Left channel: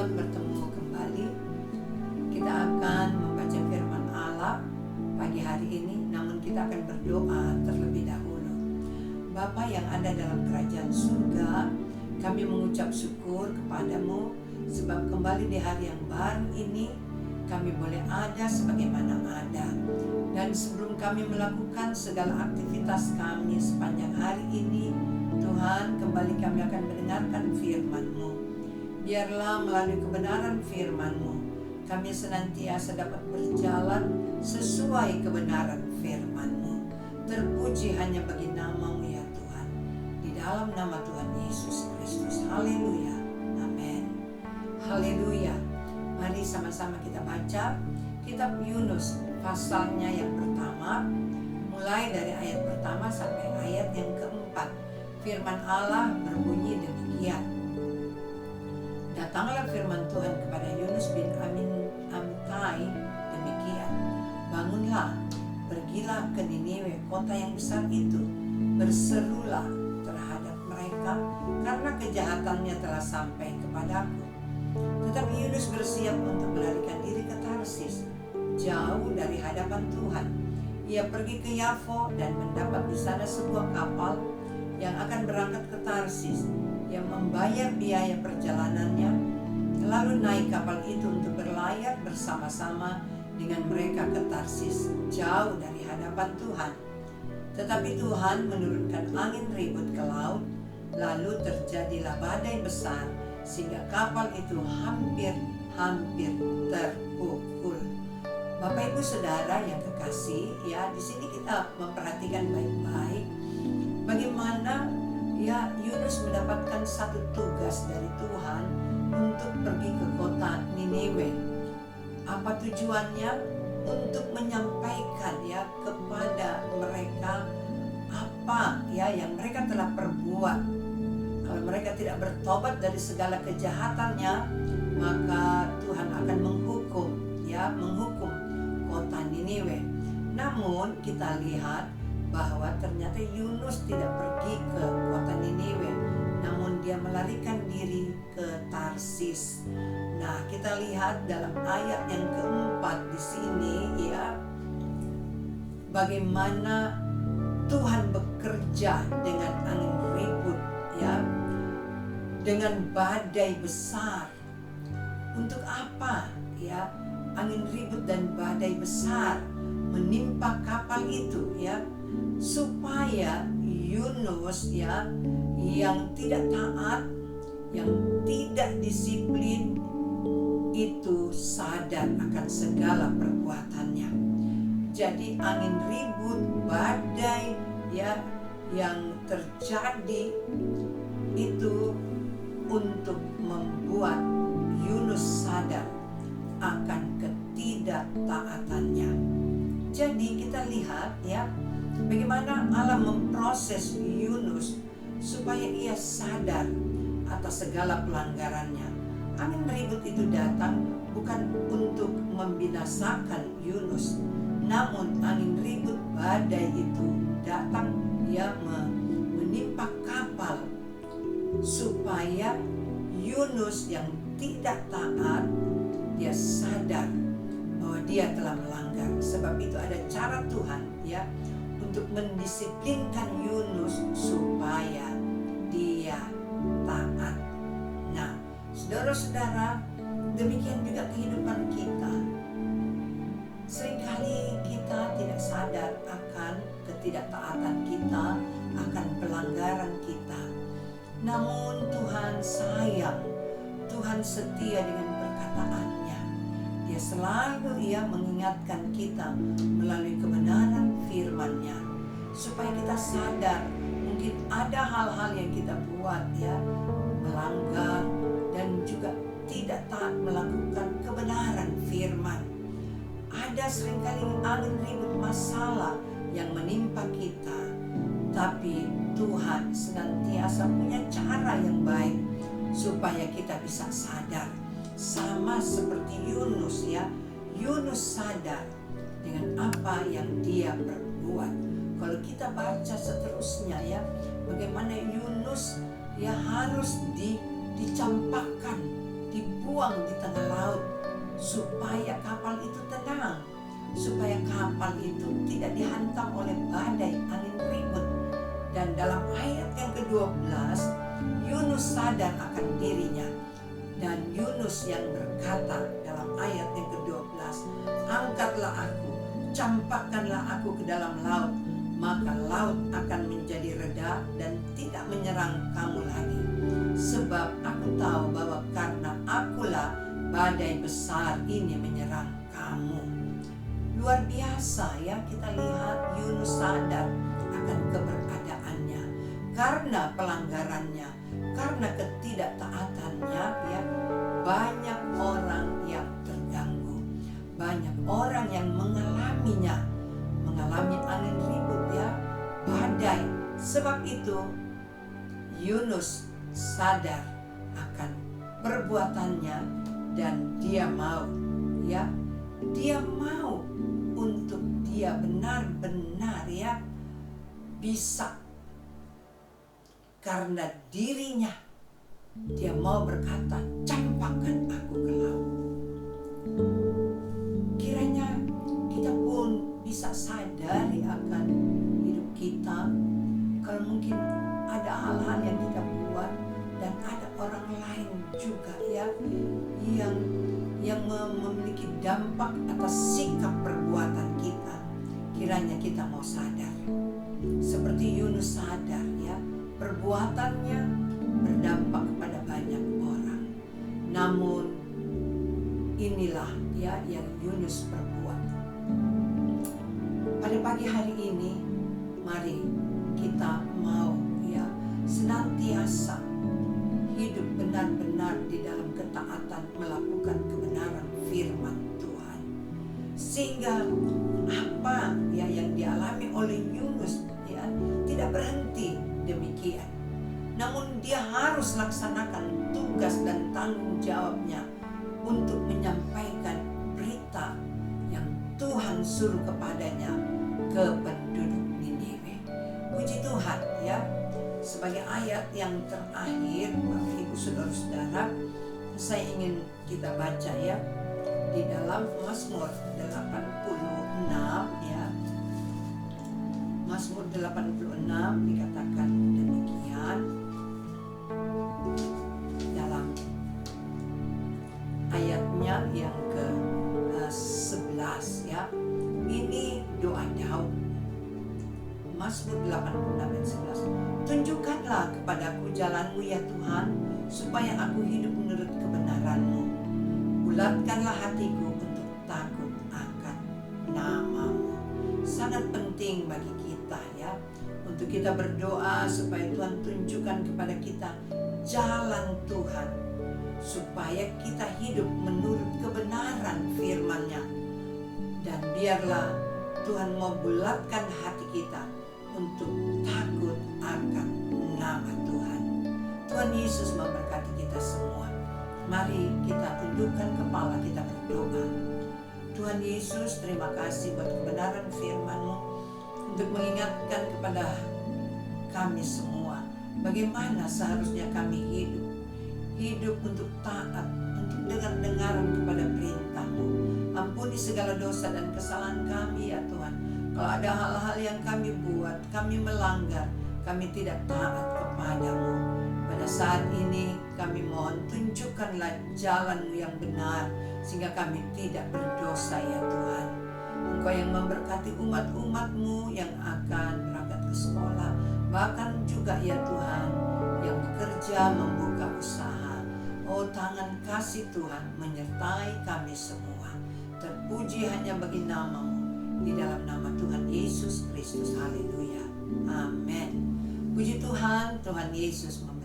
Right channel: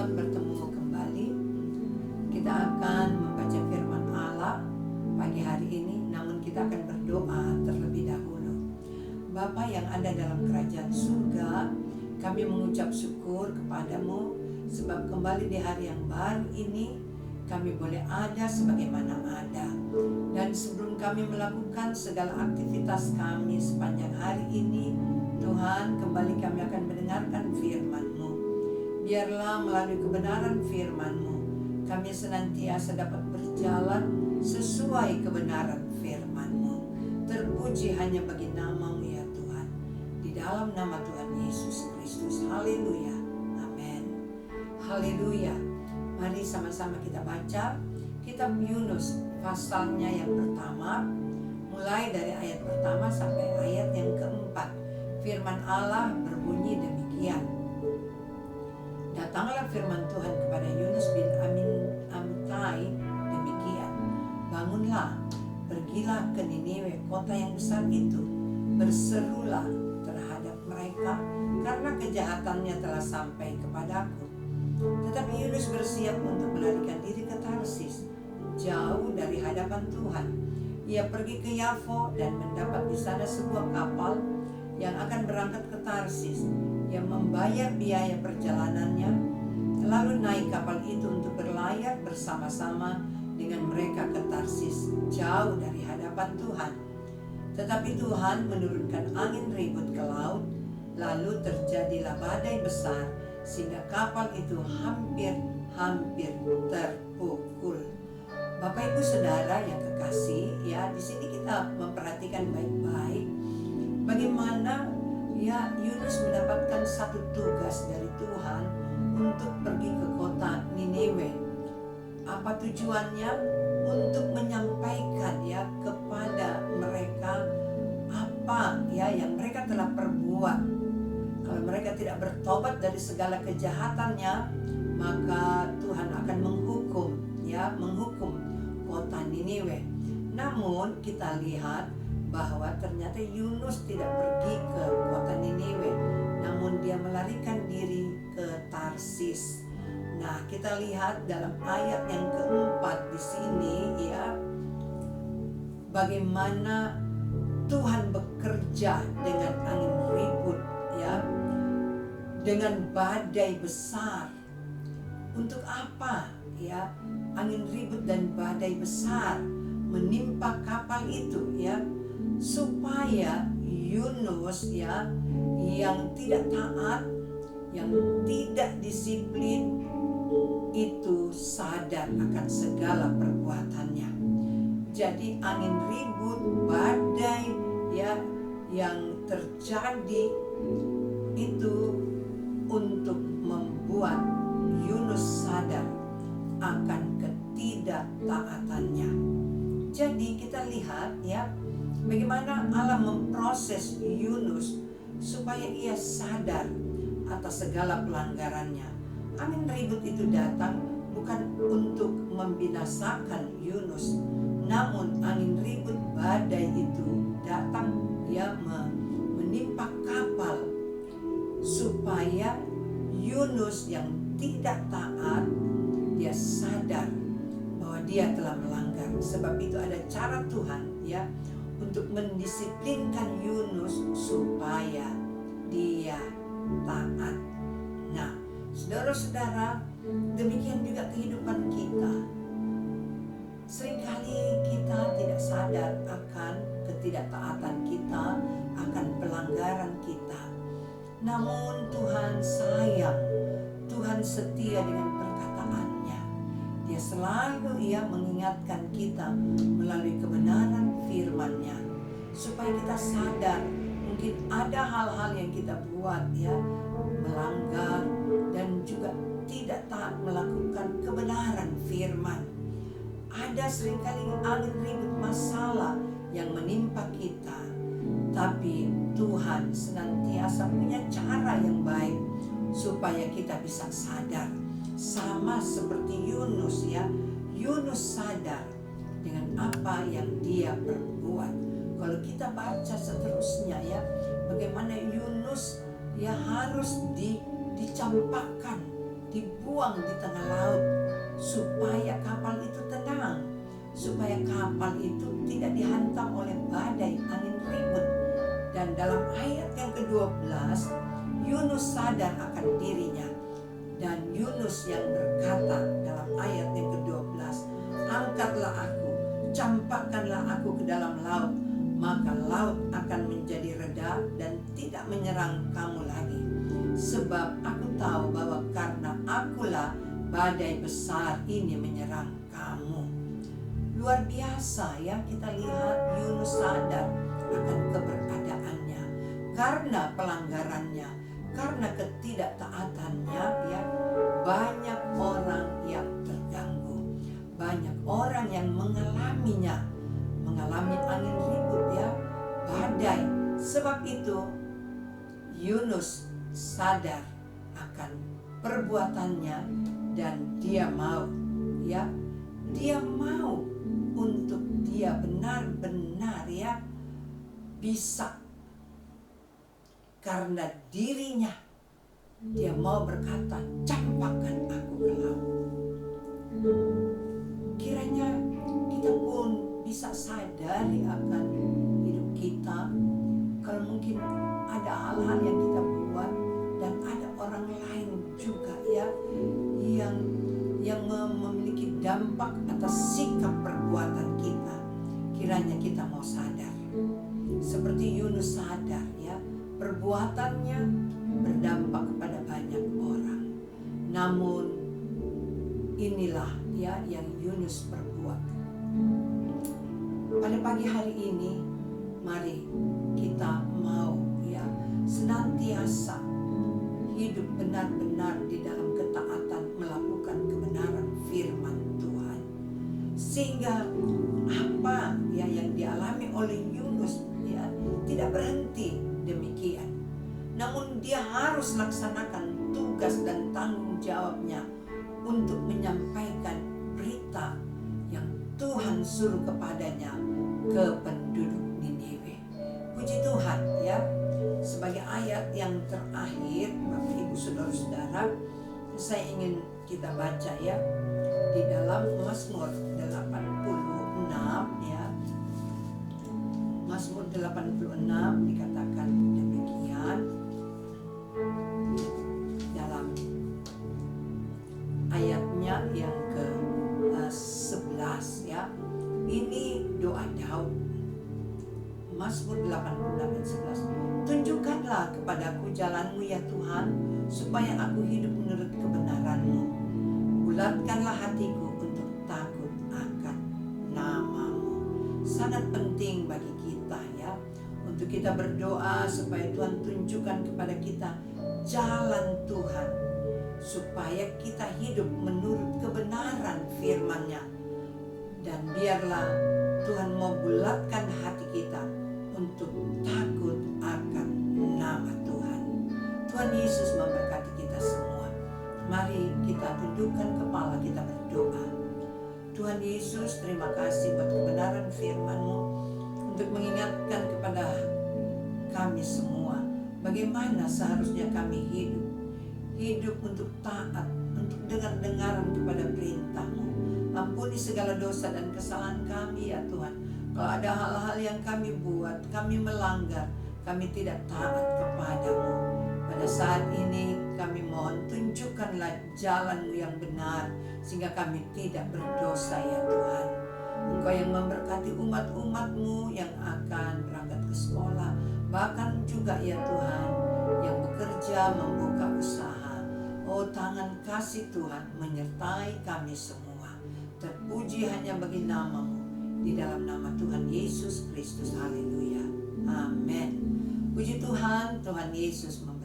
Selamat bertemu kembali. Kita akan membaca firman Allah pagi hari ini, namun kita akan berdoa terlebih dahulu. Bapa yang ada dalam kerajaan surga, kami mengucap syukur kepadamu sebab kembali di hari yang baru ini kami boleh ada sebagaimana ada. Dan sebelum kami melakukan segala aktivitas kami sepanjang hari ini, Tuhan, kembali kami akan mendengarkan firman-Mu. Biarlah melalui kebenaran firman-Mu, kami senantiasa dapat berjalan sesuai kebenaran firman-Mu. Terpuji hanya bagi nama-Mu ya Tuhan. Di dalam nama Tuhan Yesus Kristus. Haleluya. Amin. Haleluya. Mari sama-sama kita baca kitab Yunus pasalnya yang pertama, mulai dari ayat pertama sampai ayat yang keempat. Firman Allah berbunyi demikian. Datanglah firman Tuhan kepada Yunus bin Amittai demikian. Bangunlah, pergilah ke Niniwe, kota yang besar itu. Berserulah terhadap mereka, karena kejahatannya telah sampai kepadaku. Tetapi Yunus bersiap untuk melarikan diri ke Tarsis, jauh dari hadapan Tuhan. Ia pergi ke Yafo dan mendapat di sana sebuah kapal yang akan berangkat ke Tarsis. Ia membayar biaya perjalanannya, lalu naik kapal itu untuk berlayar bersama-sama dengan mereka ke Tarsis, jauh dari hadapan Tuhan. Tetapi Tuhan menurunkan angin ribut ke laut, lalu terjadilah badai besar, sehingga kapal itu hampir terpukul. Bapak Ibu Saudara yang kekasih, ya, di sini kita memperhatikan baik-baik bagaimana ya Yunus mendapatkan satu tugas dari Tuhan untuk pergi ke kota Niniwe. Apa tujuannya? Untuk menyampaikan ya kepada mereka apa ya yang mereka telah perbuat. Kalau mereka tidak bertobat dari segala kejahatannya, maka Tuhan akan menghukum kota Niniwe. Namun kita lihat bahwa ternyata Yunus tidak pergi ke kota Niniwe, namun dia melarikan diri ke Tarsis. Nah, kita lihat dalam ayat yang keempat di sini ya, bagaimana Tuhan bekerja dengan angin ribut ya, dengan badai besar. Untuk apa ya angin ribut dan badai besar menimpa kapal itu ya? Supaya Yunus ya yang tidak taat, yang tidak disiplin itu sadar akan segala perbuatannya. Jadi angin ribut, badai ya yang terjadi itu untuk membuat Yunus sadar akan ketidaktaatannya. Jadi kita lihat ya bagaimana Allah memproses Yunus supaya ia sadar atas segala pelanggarannya. Angin ribut itu datang bukan untuk membinasakan Yunus, namun angin ribut badai itu datang ya menimpa kapal supaya Yunus yang tidak taat dia sadar bahwa dia telah melanggar. Sebab itu ada cara Tuhan ya untuk mendisiplinkan Yunus supaya dia taat. Nah, saudara-saudara, demikian juga kehidupan kita. Seringkali kita tidak sadar akan ketidaktaatan kita, akan pelanggaran kita. Namun Tuhan sayang, Tuhan setia dengan perkataannya. Dia selalu mengingatkan kita melalui kebenaran firman-Nya supaya kita sadar mungkin ada hal-hal yang kita buat ya melanggar dan juga tidak taat melakukan kebenaran firman. Ada seringkali angin ribut masalah yang menimpa kita, tapi Tuhan senantiasa punya cara yang baik supaya kita bisa sadar. Sama seperti Yunus ya, Yunus sadar dengan apa yang dia perbuat. Kalau kita baca seterusnya ya, bagaimana Yunus ya harus dicampakkan dibuang di tengah laut supaya kapal itu tenang, supaya kapal itu tidak dihantam oleh badai angin ribut. Dan dalam ayat yang ke-12, Yunus sadar akan dirinya, dan Yunus yang berkata dalam ayat yang ke-12, angkatlah aku, campakkanlah aku ke dalam laut, maka laut akan menjadi reda dan tidak menyerang kamu lagi. Sebab aku tahu bahwa karena akulah badai besar ini menyerang kamu. Luar biasa ya, kita lihat Yunus sadar akan keberadaannya. Karena pelanggarannya, karena ketidaktaatannya ya, banyak orang yang terganggu. Banyak orang yang mengalaminya, mengalami angin ribut ya, badai. Sebab itu Yunus sadar akan perbuatannya dan dia mau ya, dia mau untuk dia benar-benar ya bisa, karena dirinya dia mau berkata, campakkan aku ke laut. Kiranya kita pun bisa sadari akan hidup kita. Kalau mungkin ada hal-hal yang kita buat dan ada orang lain juga ya yang memiliki dampak atas sikap perbuatan kita, kiranya kita mau sadar. Seperti Yunus sadar ya, perbuatannya berdampak kepada banyak orang. Namun inilah ya yang Yunus perbuat. Pada pagi hari ini, mari kita mau ya senantiasa hidup benar-benar di dalam ketaatan, melakukan kebenaran firman Tuhan. Sehingga apa ya yang dialami oleh Yunus ya tidak berhenti demikian. Namun dia harus laksanakan tugas dan tanggung jawabnya untuk menyampaikan berita yang Tuhan suruh kepadanya ke penduduk Niniwe. Puji Tuhan ya. Sebagai ayat yang terakhir, Bapak Ibu Saudara-saudara, saya ingin kita baca ya di dalam Mazmur 86 ya. Mazmur 86 dikatakan demikian dalam ayatnya yang ke-11 ya. Ini doa Daud. Mazmur 86 ayat 11. Tunjukkanlah kepadaku jalan-Mu ya Tuhan, supaya aku hidup menurut kebenaran-Mu. Bulatkanlah hatiku untuk takut akan nama-Mu. Sangat penting bagi kita ya, untuk kita berdoa supaya Tuhan tunjukkan kepada kita jalan Tuhan, supaya kita hidup menurut kebenaran firman-Nya. Dan biarlah Tuhan mau bulatkan hati kita untuk takut akan nama Tuhan. Tuhan Yesus memberkati kita semua. Mari kita tundukkan kepala, kita berdoa. Tuhan Yesus, terima kasih buat kebenaran firman-Mu untuk mengingatkan kepada kami semua bagaimana seharusnya kami hidup untuk taat, untuk dengar-dengaran kepada perintah-Mu. Ampuni segala dosa dan kesalahan kami ya Tuhan. Kalau ada hal-hal yang kami buat, kami melanggar, kami tidak taat kepada-Mu. Pada saat ini kami mohon tunjukkanlah jalan-Mu yang benar, sehingga kami tidak berdosa ya Tuhan. Engkau yang memberkati umat-umat-Mu yang akan berangkat ke sekolah, bahkan juga ya Tuhan yang bekerja membuka usaha. Oh, tangan kasih Tuhan menyertai kami semua. Terpuji hanya bagi nama-Mu, di dalam nama Tuhan Yesus Kristus. Haleluya. Amin. Puji Tuhan, Tuhan Yesus memberkati.